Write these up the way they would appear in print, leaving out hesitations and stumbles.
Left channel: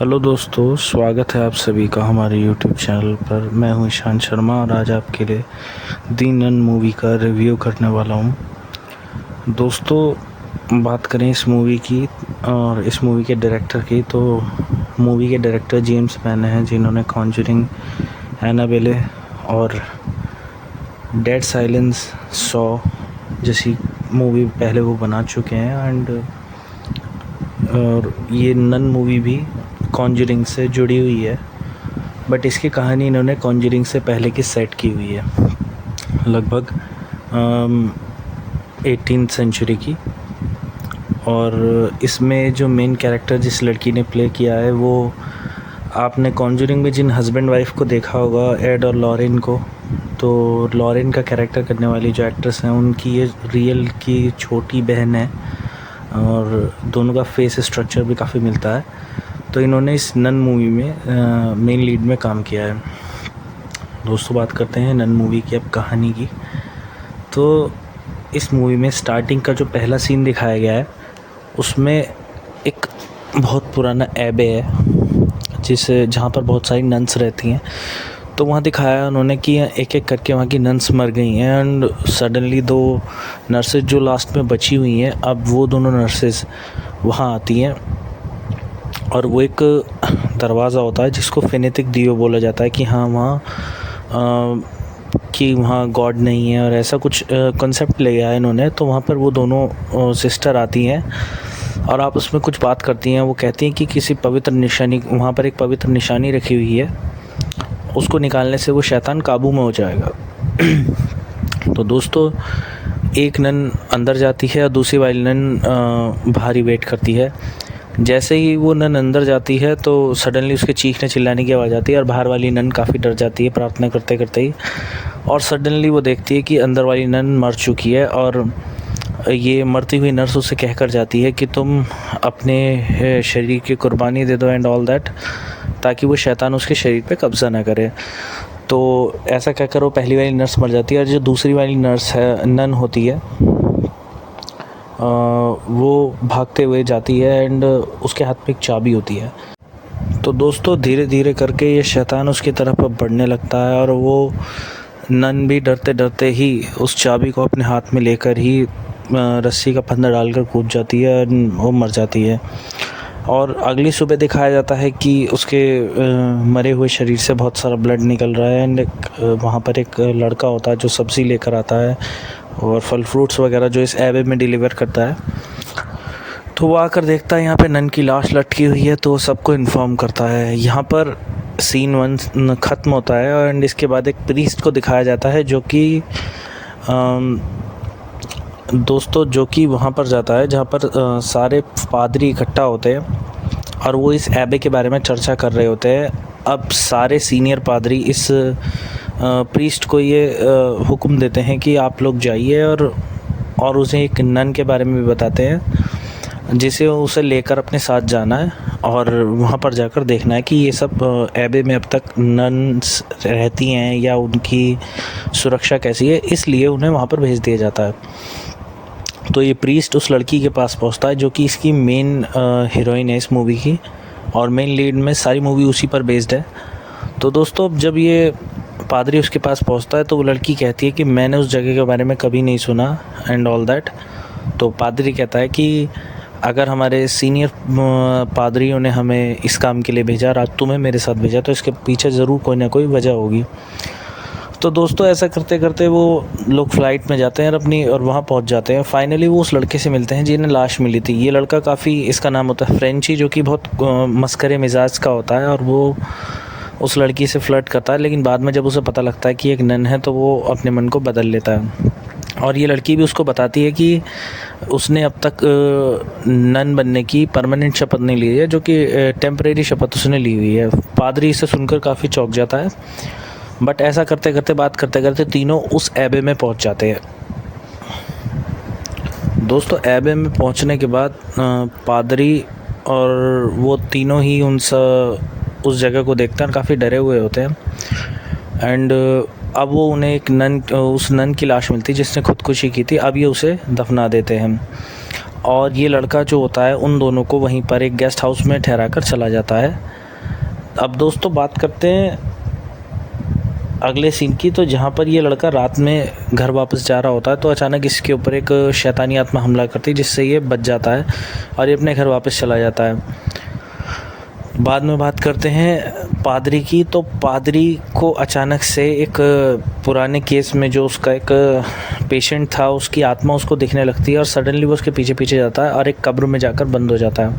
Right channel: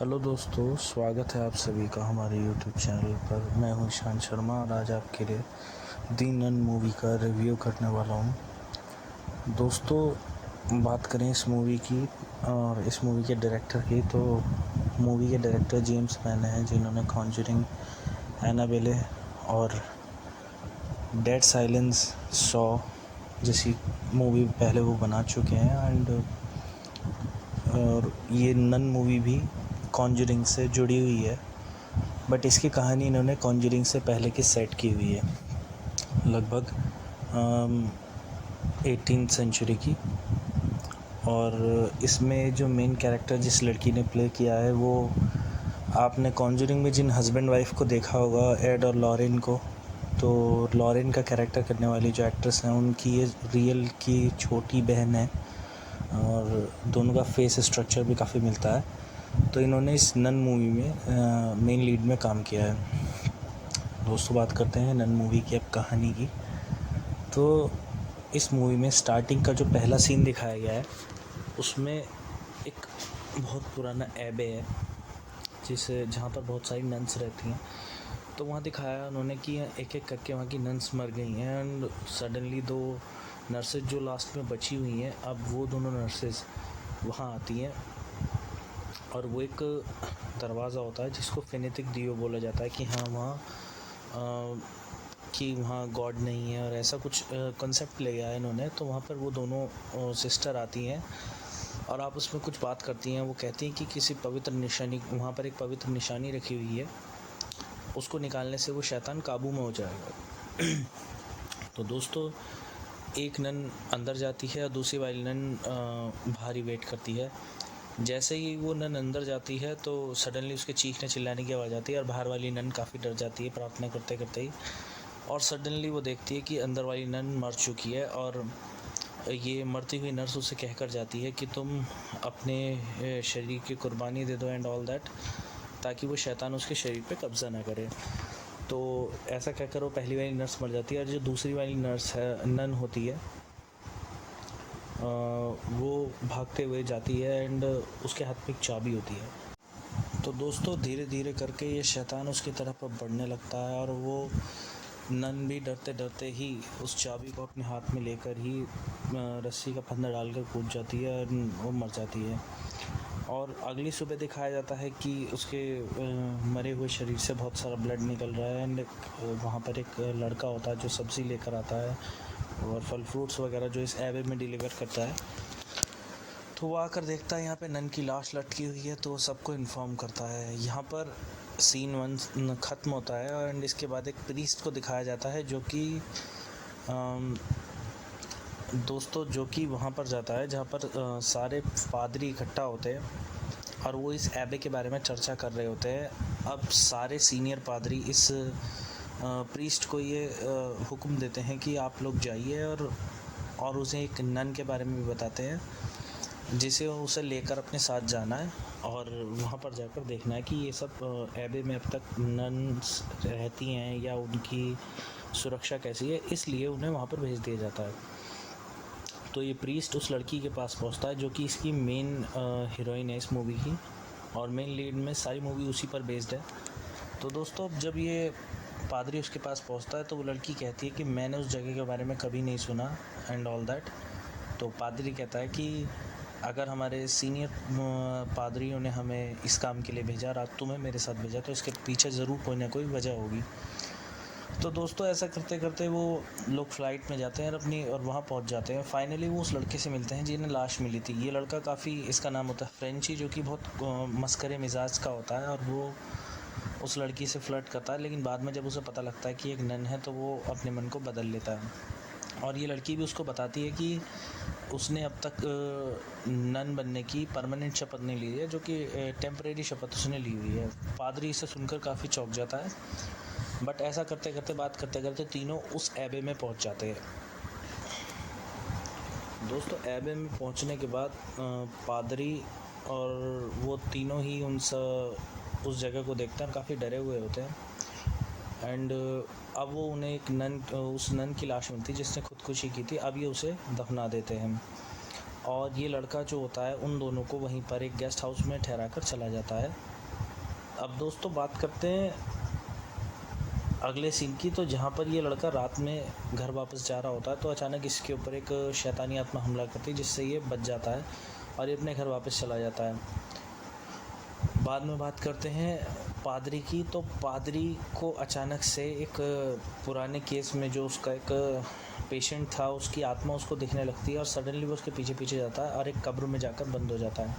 हेलो दोस्तों, स्वागत है आप सभी का हमारे यूट्यूब चैनल पर। मैं हूं ईशान शर्मा और आज आपके लिए दी नन मूवी का रिव्यू करने वाला हूं। दोस्तों, बात करें इस मूवी की और इस मूवी के डायरेक्टर की, तो मूवी के डायरेक्टर जेम्स मैन हैं, जिन्होंने कॉन्जरिंग, एनाबेले और डेड साइलेंस, सॉ जैसी मूवी पहले वो बना चुके हैं। और ये नन मूवी भी कॉन्जरिंग से जुड़ी हुई है, बट इसकी कहानी इन्होंने कॉन्जरिंग से पहले की सेट की हुई है, लगभग 18th सेंचुरी की। और इसमें जो मेन कैरेक्टर जिस लड़की ने प्ले किया है, वो आपने कॉन्जरिंग में जिन हस्बैंड वाइफ को देखा होगा, एड और लॉरेन को, तो लॉरेन का कैरेक्टर करने वाली जो एक्ट्रेस हैं, उनकी ये रियल की छोटी बहन है और दोनों का फेस स्ट्रक्चर भी काफ़ी मिलता है। तो इन्होंने इस नन मूवी में मेन लीड में काम किया है। दोस्तों, बात करते हैं नन मूवी की अब कहानी की। तो इस मूवी में स्टार्टिंग का जो पहला सीन दिखाया गया है, उसमें एक बहुत पुराना एबे है जहाँ पर बहुत सारी नन्स रहती हैं। तो वहाँ दिखाया उन्होंने कि एक एक करके वहाँ की नन्स मर गई हैं एंड सडनली दो नर्सेज जो लास्ट में बची हुई हैं, अब वो दोनों नर्सेज वहाँ आती हैं और वो एक दरवाज़ा होता है जिसको फेनेटिक दियो बोला जाता है कि हाँ वहाँ गॉड नहीं है और ऐसा कुछ कॉन्सेप्ट ले गया है इन्होंने। तो वहाँ पर वो दोनों सिस्टर आती हैं और आप उसमें कुछ बात करती हैं। वो कहती हैं कि किसी पवित्र निशानी, वहाँ पर एक पवित्र निशानी रखी हुई है, उसको निकालने से वो शैतान काबू में हो जाएगा। तो दोस्तों, एक नन अंदर जाती है और दूसरी वाली नन बाहर ही वेट करती है। जैसे ही वो नन अंदर जाती है तो सडनली उसके चीखने चिल्लाने की आवाज़ आती है और बाहर वाली नन काफ़ी डर जाती है प्रार्थना करते करते ही। और सडनली वो देखती है कि अंदर वाली नन मर चुकी है और ये मरती हुई नर्स उसे कहकर जाती है कि तुम अपने शरीर की कुर्बानी दे दो एंड ऑल दैट, ताकि वो शैतान उसके शरीर पे कब्ज़ा ना करे। तो ऐसा कहकर वो पहली वाली नर्स मर जाती है और जो दूसरी वाली नर्स है, नन होती है, वो भागते हुए जाती है एंड उसके हाथ में एक चाबी होती है। तो दोस्तों, धीरे धीरे करके ये शैतान उसकी तरफ अब बढ़ने लगता है और वो नन भी डरते डरते ही उस चाबी को अपने हाथ में लेकर ही रस्सी का फंदा डालकर कूद जाती है और वो मर जाती है। और अगली सुबह दिखाया जाता है कि उसके मरे हुए शरीर से बहुत सारा ब्लड निकल रहा है एंड वहाँ पर एक लड़का होता है जो सब्ज़ी लेकर आता है और फल फ्रूट्स वगैरह जो इस एबे में डिलीवर करता है। तो वो आकर देखता है यहाँ पे नन की लाश लटकी हुई है, तो सबको इन्फॉर्म करता है। यहाँ पर सीन 1 ख़त्म होता है एंड इसके बाद एक प्रीस्ट को दिखाया जाता है जो कि दोस्तों जो कि वहाँ पर जाता है जहाँ पर सारे पादरी इकट्ठा होते हैं और वो इस एबे के बारे में चर्चा कर रहे होते हैं। अब सारे सीनियर पादरी इस प्रीस्ट को ये हुक्म देते हैं कि आप लोग जाइए और उसे एक नन के बारे में भी बताते हैं जिसे उसे लेकर अपने साथ जाना है और वहाँ पर जाकर देखना है कि ये सब एबे में अब तक नन्स रहती हैं या उनकी सुरक्षा कैसी है, इसलिए उन्हें वहाँ पर भेज दिया जाता है। तो ये प्रीस्ट उस लड़की के पास पहुँचता है जो कि इसकी मेन हीरोइन है इस मूवी की, और मेन लीड में सारी मूवी उसी पर बेस्ड है। तो दोस्तों, जब ये पादरी उसके पास पहुंचता है तो वो लड़की कहती है कि मैंने उस जगह के बारे में कभी नहीं सुना एंड ऑल दैट। तो पादरी कहता है कि अगर हमारे सीनियर पादरियों ने हमें इस काम के लिए भेजा और आज तुम्हें मेरे साथ भेजा, तो इसके पीछे ज़रूर कोई ना कोई वजह होगी। तो दोस्तों, ऐसा करते करते वो लोग फ़्लाइट में जाते हैं और वहाँ पहुँच जाते हैं। फाइनली वो उस लड़के से मिलते हैं जिन्हें लाश मिली थी। ये लड़का काफ़ी, इसका नाम होता है फ्रेंची, जो कि बहुत मस्करे मिजाज का होता है और वो उस लड़की से फ्लर्ट करता है, लेकिन बाद में जब उसे पता लगता है कि एक नन है तो वो अपने मन को बदल लेता है। और ये लड़की भी उसको बताती है कि उसने अब तक नन बनने की परमानेंट शपथ नहीं ली है, जो कि टेम्परेरी शपथ उसने ली हुई है। पादरी इसे सुनकर काफ़ी चौंक जाता है, बट ऐसा करते करते, बात करते करते तीनों उस एबे में पहुंच जाते हैं। दोस्तों, एबे में पहुंचने के बाद पादरी और वो तीनों ही उस जगह को देखते हैं और काफ़ी डरे हुए होते हैं एंड अब वो उन्हें एक उस नन की लाश मिलती है जिसने खुदकुशी की थी। अब ये उसे दफना देते हैं और ये लड़का जो होता है उन दोनों को वहीं पर एक गेस्ट हाउस में ठहरा कर चला जाता है। अब दोस्तों बात करते हैं अगले सीन की, तो जहाँ पर ये लड़का रात में घर वापस जा रहा होता है तो अचानक इसके ऊपर एक शैतानी आत्मा हमला करती है, जिससे ये बच जाता है और ये अपने घर वापस चला जाता है। बाद में बात करते हैं पादरी की, तो पादरी को अचानक से एक पुराने केस में जो उसका एक पेशेंट था उसकी आत्मा उसको दिखने लगती है और सडनली वो उसके पीछे पीछे जाता है और एक कब्र में जाकर बंद हो जाता है।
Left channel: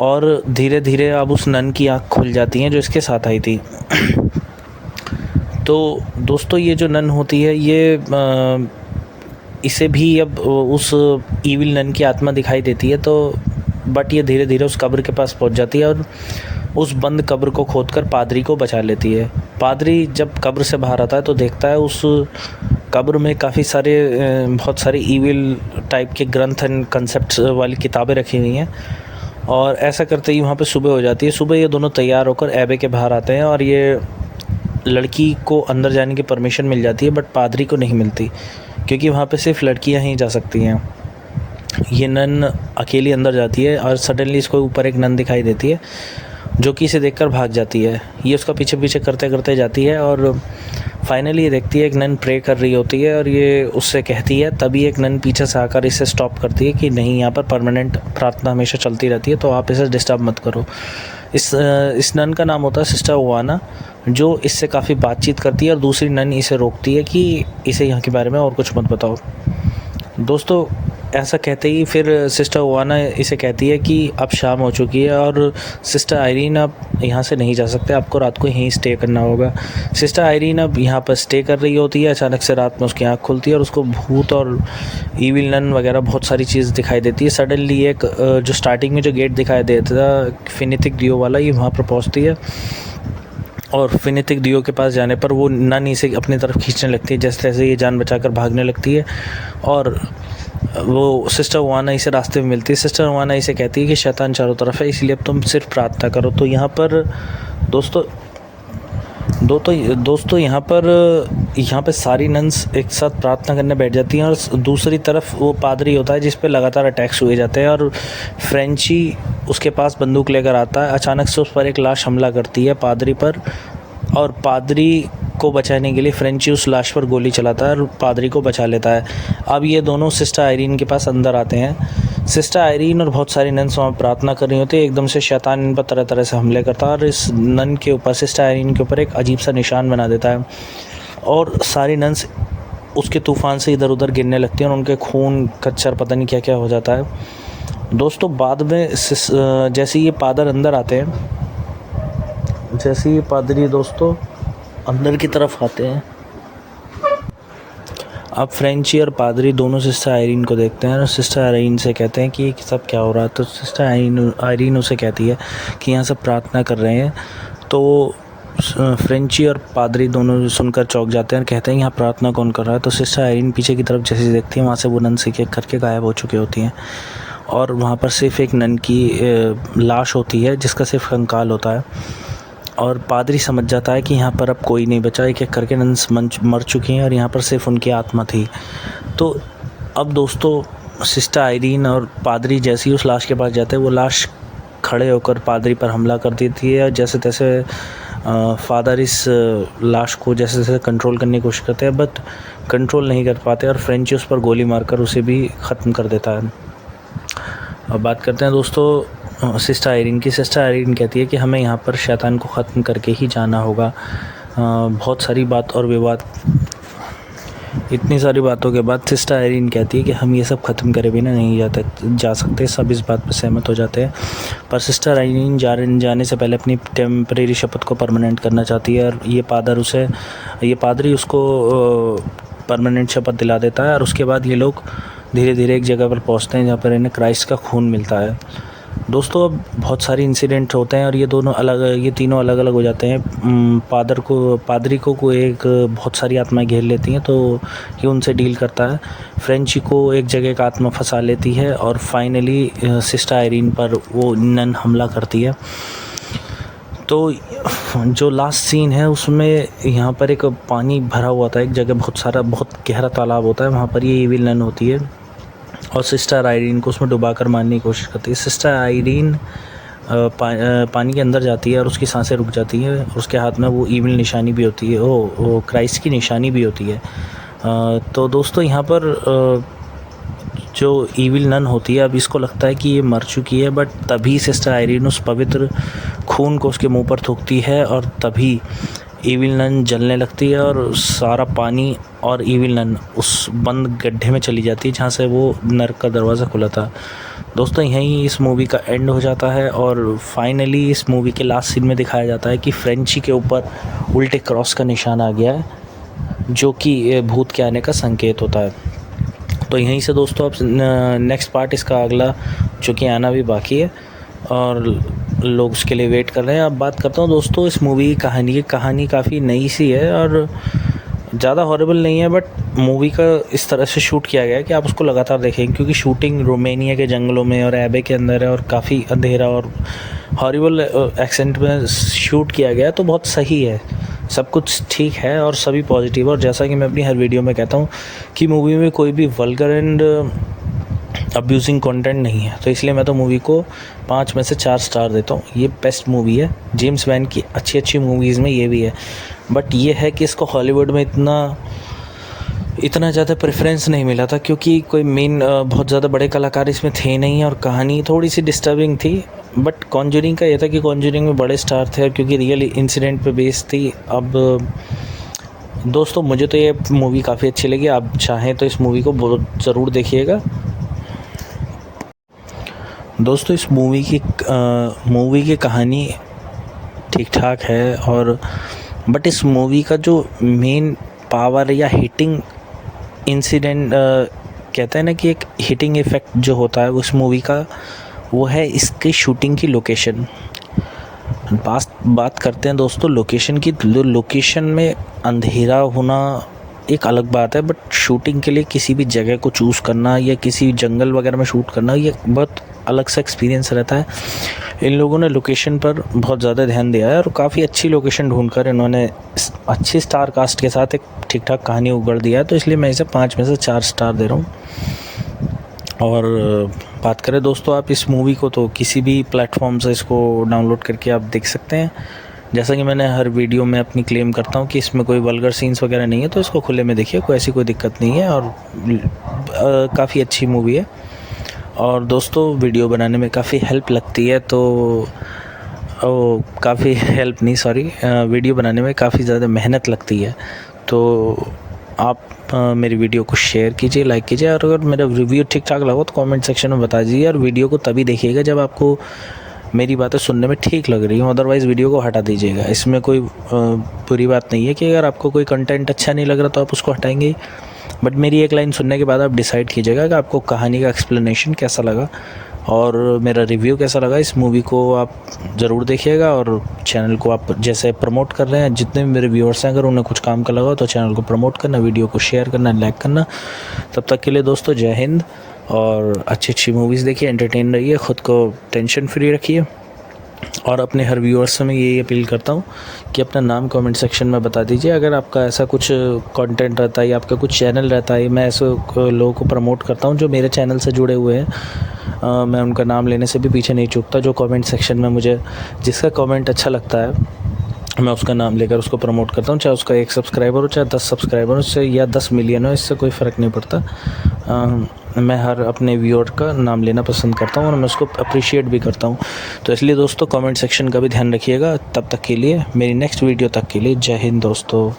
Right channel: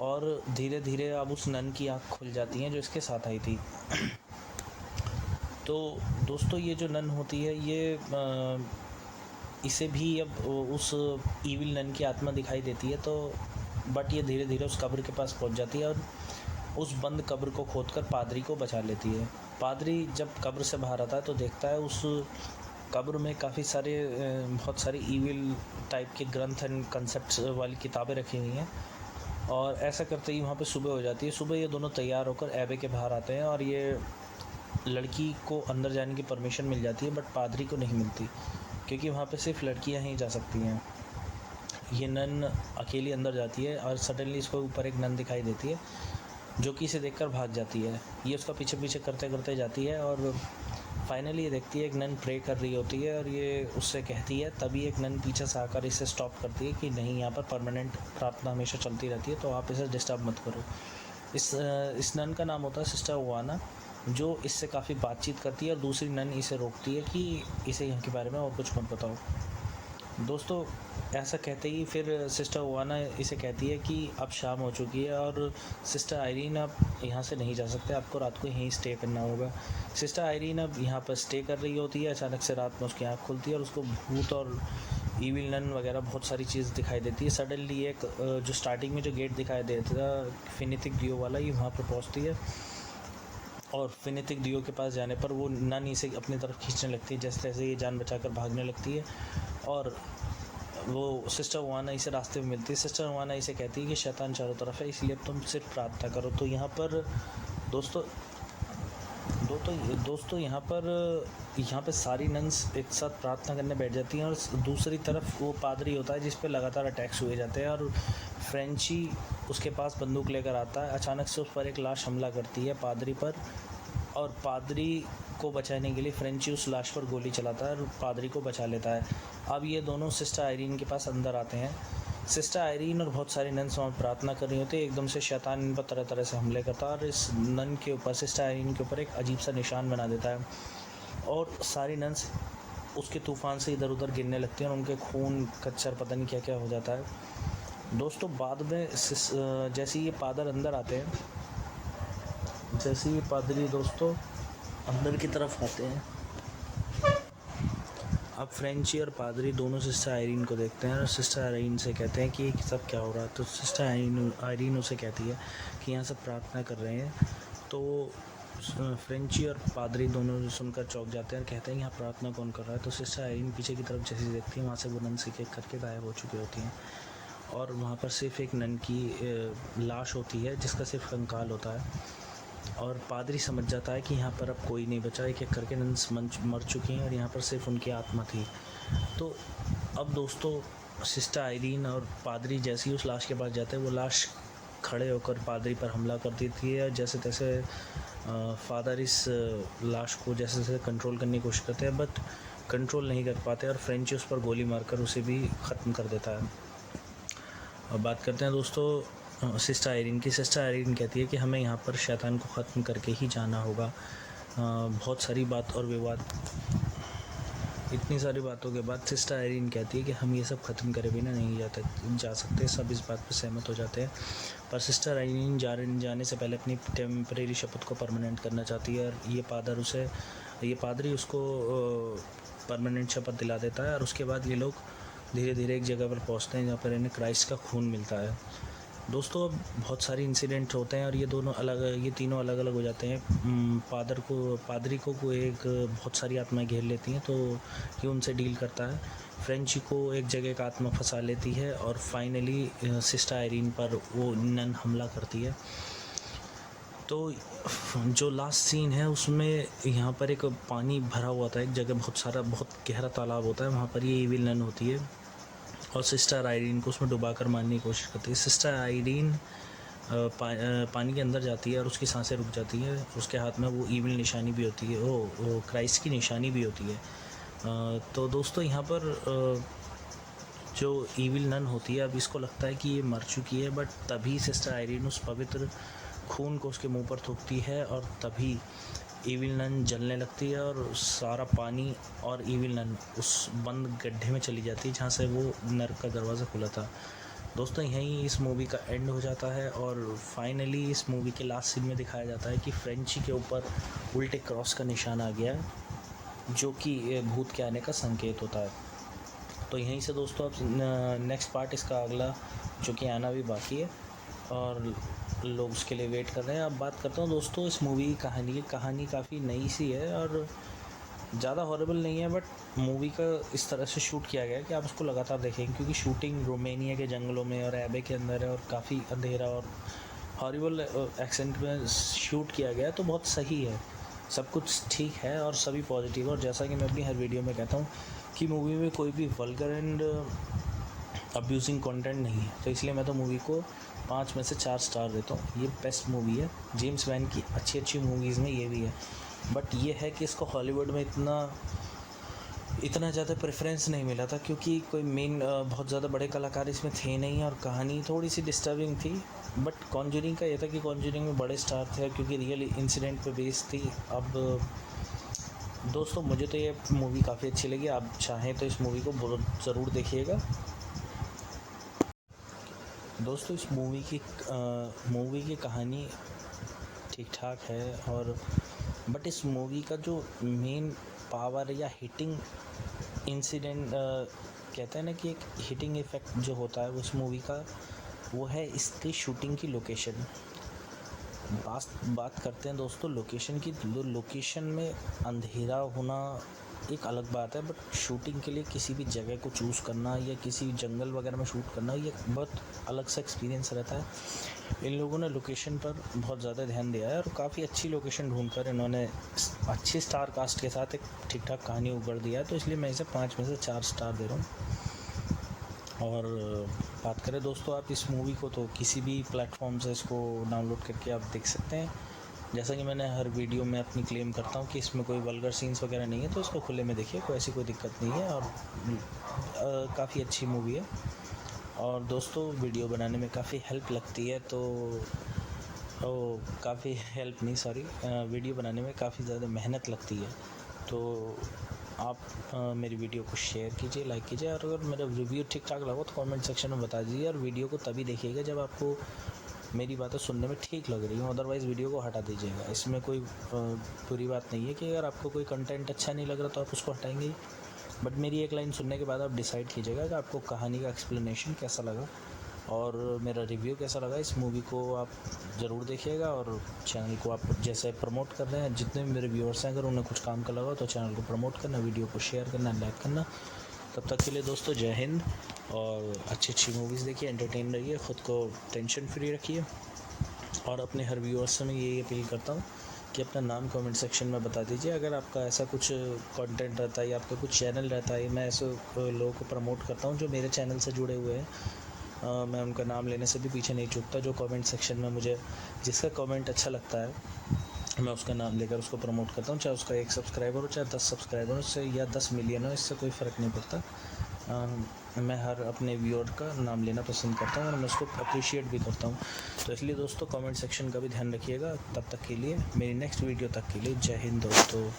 और धीरे धीरे अब उस नन की आँख खुल जाती है जो इसके साथ आई थी। तो दोस्तों ये जो नन होती है ये इसे भी अब उस ईविल नन की आत्मा दिखाई देती है, तो बट ये धीरे धीरे उस कब्र के पास पहुंच जाती है और उस बंद कब्र को खोदकर पादरी को बचा लेती है। पादरी जब कब्र से बाहर आता है तो देखता है उस कब्र में बहुत सारे ईविल टाइप के ग्रंथ एंड कंसेप्ट वाली किताबें रखी हुई हैं। और ऐसा करते ही वहाँ पे सुबह हो जाती है। सुबह ये दोनों तैयार होकर एबे के बाहर आते हैं और ये लड़की को अंदर जाने की परमिशन मिल जाती है, बट पादरी को नहीं मिलती क्योंकि वहाँ पे सिर्फ लड़कियाँ ही जा सकती हैं। ये नन अकेली अंदर जाती है और सडनली इसको ऊपर एक नन दिखाई देती है जो कि इसे देखकर भाग जाती है। ये उसका पीछे पीछे करते करते जाती है और फाइनली ये देखती है एक नन प्रे कर रही होती है और ये उससे कहती है, तभी एक नन पीछे से आकर इसे स्टॉप करती है कि नहीं, यहाँ पर परमानेंट प्रार्थना हमेशा चलती रहती है, तो आप इसे डिस्टर्ब मत करो। इस नन का नाम होता है सिस्टर ओवाना, जो इससे काफ़ी बातचीत करती है और दूसरी नन इसे रोकती है कि इसे यहाँ के बारे में और कुछ मत बताओ। दोस्तों ऐसा कहते ही फिर सिस्टर ओवाना इसे कहती है कि अब शाम हो चुकी है और सिस्टर आयरीन अब यहाँ से नहीं जा सकते, आपको रात को यहीं स्टे करना होगा। सिस्टर आयरीन अब यहाँ पर स्टे कर रही होती है। अचानक से रात में उसकी आँख खुलती है और उसको भूत और ईविल नन वगैरह बहुत सारी चीज़ दिखाई देती है। सडनली एक जो स्टार्टिंग में जो गेट दिखाई देता था फिनिथिक डियो वाला, ये वहाँ पर पहुँचती है और फिनिथिक डियो के पास जाने पर वो नन इसे अपनी तरफ खींचने लगती है। जैसे तैसे ये जान बचाकर भागने लगती है और वो सिस्टर ओवाना इसे रास्ते में मिलती है। सिस्टर ओवाना इसे कहती है कि शैतान चारों तरफ है, इसलिए अब तुम सिर्फ प्रार्थना करो। तो यहाँ पर दोस्तों यहाँ पर सारी नन्स एक साथ प्रार्थना करने बैठ जाती हैं और दूसरी तरफ वो पादरी होता है जिस पे लगातार अटैक्स हुए जाते हैं और फ्रेंची उसके पास बंदूक लेकर आता है। अचानक से उस पर एक लाश हमला करती है पादरी पर और पादरी को बचाने के लिए फ्रेंची उस लाश पर गोली चलाता है और पादरी को बचा लेता है। अब ये दोनों सिस्टर आयरीन के पास अंदर आते हैं। सिस्टर आयरीन और बहुत सारी नन्स वहाँ प्रार्थना कर रही होती है। एकदम से शैतान इन पर तरह तरह से हमले करता है और इस नन के ऊपर, सिस्टर आयरीन के ऊपर एक अजीब सा निशान बना देता है और सारी नन्स उसके तूफ़ान से इधर उधर गिरने लगती हैं और उनके खून कच्चर पता नहीं क्या क्या हो जाता है। दोस्तों बाद में जैसे ये पादर अंदर आते हैं, जैसे ये पादरी दोस्तों अंदर की तरफ आते हैं, अब फ्रेंची और पादरी दोनों सिस्टर आयरीन को देखते हैं और सिस्टर आयरीन से कहते हैं कि सब क्या हो रहा है। तो सिस्टर आयरीन उसे कहती है कि यहाँ सब प्रार्थना कर रहे हैं। तो फ्रेंची और पादरी दोनों सुनकर चौंक जाते हैं और कहते हैं यहाँ प्रार्थना कौन कर रहा है। तो सिस्टर आयरीन पीछे की तरफ जैसे देखती है, वहाँ से वो नन से एक करके गायब हो चुकी होती हैं और वहाँ पर सिर्फ एक नन की लाश होती है जिसका सिर्फ कंकाल होता है। और पादरी समझ जाता है कि यहाँ पर अब कोई नहीं बचा, एक एक करके नन्स मर चुकी हैं और यहाँ पर सिर्फ उनकी आत्मा थी। तो अब दोस्तों सिस्टर आयरीन और पादरी जैसे ही उस लाश के पास जाते हैं, वो लाश खड़े होकर पादरी पर हमला कर देती है और जैसे तैसे फादर इस लाश को जैसे तैसे कंट्रोल करने की कोशिश करते हैं, बट कंट्रोल नहीं कर पाते और फ्रेंची उस पर गोली मारकर उसे भी ख़त्म कर देता है। अब बात करते हैं दोस्तों सिस्टर आयरीन की। सिस्टर आयरीन कहती है कि हमें यहाँ पर शैतान को ख़त्म करके ही जाना होगा। बहुत सारी बात और विवाद, इतनी सारी बातों के बाद सिस्टर आयरीन कहती है कि हम ये सब ख़त्म करे बिना नहीं जा सकते। सब इस बात पर सहमत हो जाते हैं, पर सिस्टर आयरीन जाने से पहले अपनी टेम्परेरी शपथ को परमानेंट करना चाहती है और ये पादरी उसको परमानेंट शपथ दिला देता है। और उसके बाद ये लोग धीरे धीरे एक जगह पर पहुंचते हैं जहाँ पर इन्हें क्राइस्ट का खून मिलता है। दोस्तों अब बहुत सारे इंसिडेंट होते हैं और ये तीनों अलग अलग हो जाते हैं। पादरी को एक बहुत सारी आत्माएं घेर लेती हैं, तो ये उनसे डील करता है। फ्रेंची को एक जगह एक आत्मा फंसा लेती है और फाइनली सिस्टर आयरीन पर वो नन हमला करती है। तो जो लास्ट सीन है उसमें यहाँ पर एक पानी भरा हुआ था, एक जगह बहुत गहरा तालाब होता है, वहाँ पर ये इविल नन होती है और सिस्टर आइरीन को उसमें डुबा कर मारने की कोशिश करती है। सिस्टर आइरीन पानी के अंदर जाती है और उसकी सांसें रुक जाती हैं और उसके हाथ में वो ईविल निशानी भी होती है, वो क्राइस्ट की निशानी भी होती है। तो दोस्तों यहाँ पर जो ईविल नन होती है, अब इसको लगता है कि ये मर चुकी है, बट तभी सिस्टर आइरीन उस पवित्र खून को उसके मुंह पर थूकती है और तभी ईविल नन जलने लगती है और सारा पानी और ईविल नन उस बंद गड्ढे में चली जाती है जहाँ से वो नर्क का दरवाज़ा खुला था। दोस्तों यहीं इस मूवी का एंड हो जाता है और फाइनली इस मूवी के लास्ट सीन में दिखाया जाता है कि फ्रेंची के ऊपर उल्टे क्रॉस का निशान आ गया है, जो कि भूत के आने का संकेत होता है। तो यहीं से दोस्तों अब नेक्स्ट पार्ट इसका अगला जो कि आना भी बाकी है और लोग उसके लिए वेट कर रहे हैं। अब बात करता हूँ दोस्तों इस मूवी की कहानी काफ़ी नई सी है और ज़्यादा हॉरिबल नहीं है, बट मूवी का इस तरह से शूट किया गया है कि आप उसको लगातार देखेंगे, क्योंकि शूटिंग रोमानिया के जंगलों में और एबे के अंदर है और काफ़ी अंधेरा और हॉरिबल एक्सेंट में शूट किया गया है। तो बहुत सही है, सब कुछ ठीक है और सभी पॉजिटिव। और जैसा कि मैं अपनी हर वीडियो में कहता हूँ कि मूवी में कोई भी वल्गर एंड अब्यूजिंग कंटेंट नहीं है, तो इसलिए मैं तो मूवी को 5 में से 4 स्टार देता हूँ। ये बेस्ट मूवी है, जेम्स वैन की अच्छी मूवीज़ में ये भी है, बट ये है कि इसको हॉलीवुड में इतना ज़्यादा प्रेफरेंस नहीं मिला था, क्योंकि कोई मेन बहुत ज़्यादा बड़े कलाकार इसमें थे नहीं और कहानी थोड़ी सी डिस्टर्बिंग थी। बट कॉन्जरिंग का ये था कि कॉन्जरिंग में बड़े स्टार थे क्योंकि रियल इंसिडेंट पे बेस्ड थी। अब दोस्तों मुझे तो ये मूवी काफ़ी अच्छी लगी, आप चाहें तो इस मूवी को बहुत ज़रूर देखिएगा। दोस्तों इस मूवी की कहानी ठीक ठाक है और बट इस मूवी का जो मेन पावर या हिटिंग इंसिडेंट कहते हैं ना कि एक हिटिंग इफ़ेक्ट जो होता है उस मूवी का, वो है इसकी शूटिंग की लोकेशन। बात करते हैं दोस्तों लोकेशन की। लोकेशन में अंधेरा होना एक अलग बात है, बट शूटिंग के लिए किसी भी जगह को चूज़ करना या किसी जंगल वगैरह में शूट करना, ये बहुत अलग सा एक्सपीरियंस रहता है। इन लोगों ने लोकेशन पर बहुत ज़्यादा ध्यान दिया है और काफ़ी अच्छी लोकेशन ढूंढकर इन्होंने अच्छी स्टार कास्ट के साथ एक ठीक ठाक कहानी उगड़ दिया है, तो इसलिए मैं इसे 5 में से 4 स्टार दे रहा हूँ। और बात करें दोस्तों आप इस मूवी को तो किसी भी प्लेटफॉर्म से इसको डाउनलोड करके आप देख सकते हैं। जैसा कि मैंने हर वीडियो में अपनी क्लेम करता हूँ कि इसमें कोई वल्गर सीन्स वगैरह नहीं है, तो इसको खुले में देखिए, कोई ऐसी कोई दिक्कत नहीं है और काफ़ी अच्छी मूवी है। और दोस्तों वीडियो बनाने में काफ़ी हेल्प लगती है, तो वीडियो बनाने में काफ़ी ज़्यादा मेहनत लगती है, तो आप मेरी वीडियो को शेयर कीजिए, लाइक कीजिए और अगर मेरा रिव्यू ठीक ठाक लगा तो कमेंट सेक्शन में बता दीजिए। और वीडियो को तभी देखिएगा जब आपको मेरी बातें सुनने में ठीक लग रही हो, अदरवाइज़ वीडियो को हटा दीजिएगा। इसमें कोई बुरी बात नहीं है कि अगर आपको कोई कंटेंट अच्छा नहीं लग रहा तो आप उसको हटाएंगे ही, बट मेरी एक लाइन सुनने के बाद आप डिसाइड कीजिएगा कि आपको कहानी का एक्सप्लेनेशन कैसा लगा और मेरा रिव्यू कैसा लगा। इस मूवी को आप ज़रूर देखिएगा और चैनल को आप जैसे प्रमोट कर रहे हैं, जितने भी मेरे व्यूअर्स हैं अगर उन्हें कुछ काम का लगा तो चैनल को प्रमोट करना, वीडियो को शेयर करना, लाइक करना। तब तक के लिए दोस्तों जय हिंद और अच्छी मूवीज़ देखिए, एंटरटेन रहिए, ख़ुद को टेंशन फ्री रखिए। और अपने हर व्यूअर्स से मैं यही अपील करता हूँ कि अपना नाम कमेंट सेक्शन में बता दीजिए। अगर आपका ऐसा कुछ कंटेंट रहता है या आपका कुछ चैनल रहता है, मैं ऐसे लोगों को प्रमोट करता हूँ जो मेरे चैनल से जुड़े हुए हैं, मैं उनका नाम लेने से भी पीछे नहीं चूकता। जो कमेंट सेक्शन में मुझे जिसका कमेंट अच्छा लगता है मैं उसका नाम लेकर उसको प्रमोट करता हूँ, चाहे उसका 1 सब्सक्राइबर हो चाहे 10 सब्सक्राइबर हो, इससे या 10 मिलियन हो, इससे कोई फ़र्क नहीं पड़ता। मैं हर अपने व्यूअर का नाम लेना पसंद करता हूँ और मैं उसको अप्रिशिएट भी करता हूँ। तो इसलिए दोस्तों कमेंट सेक्शन का भी ध्यान रखिएगा। तब तक के लिए मेरी नेक्स्ट वीडियो तक के लिए जय हिंद दोस्तों।